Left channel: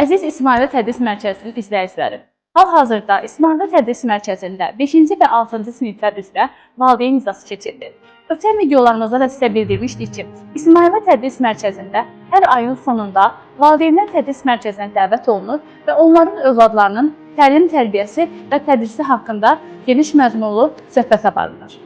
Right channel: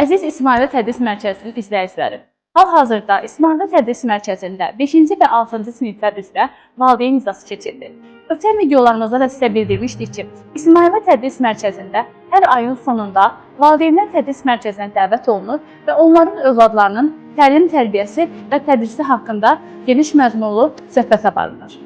Əziz İsmail Tədris Mərkəzinin izləyiciləri, hal-hazırda İsmail Tədris Mərkəzində 5-ci və 6-cı siniflər üzrə valideyn icrası keçirilir. Ötən videolarımızda da sizə bildirmişdik ki, İsmail Tədris Mərkəzində hər ayın sonunda valideynlər tədris mərkəzinə dəvət olunur və onların övladlarının təlim tərbiyəsi və tədrisi haqqında geniş məzmunlu söhbət aparılır.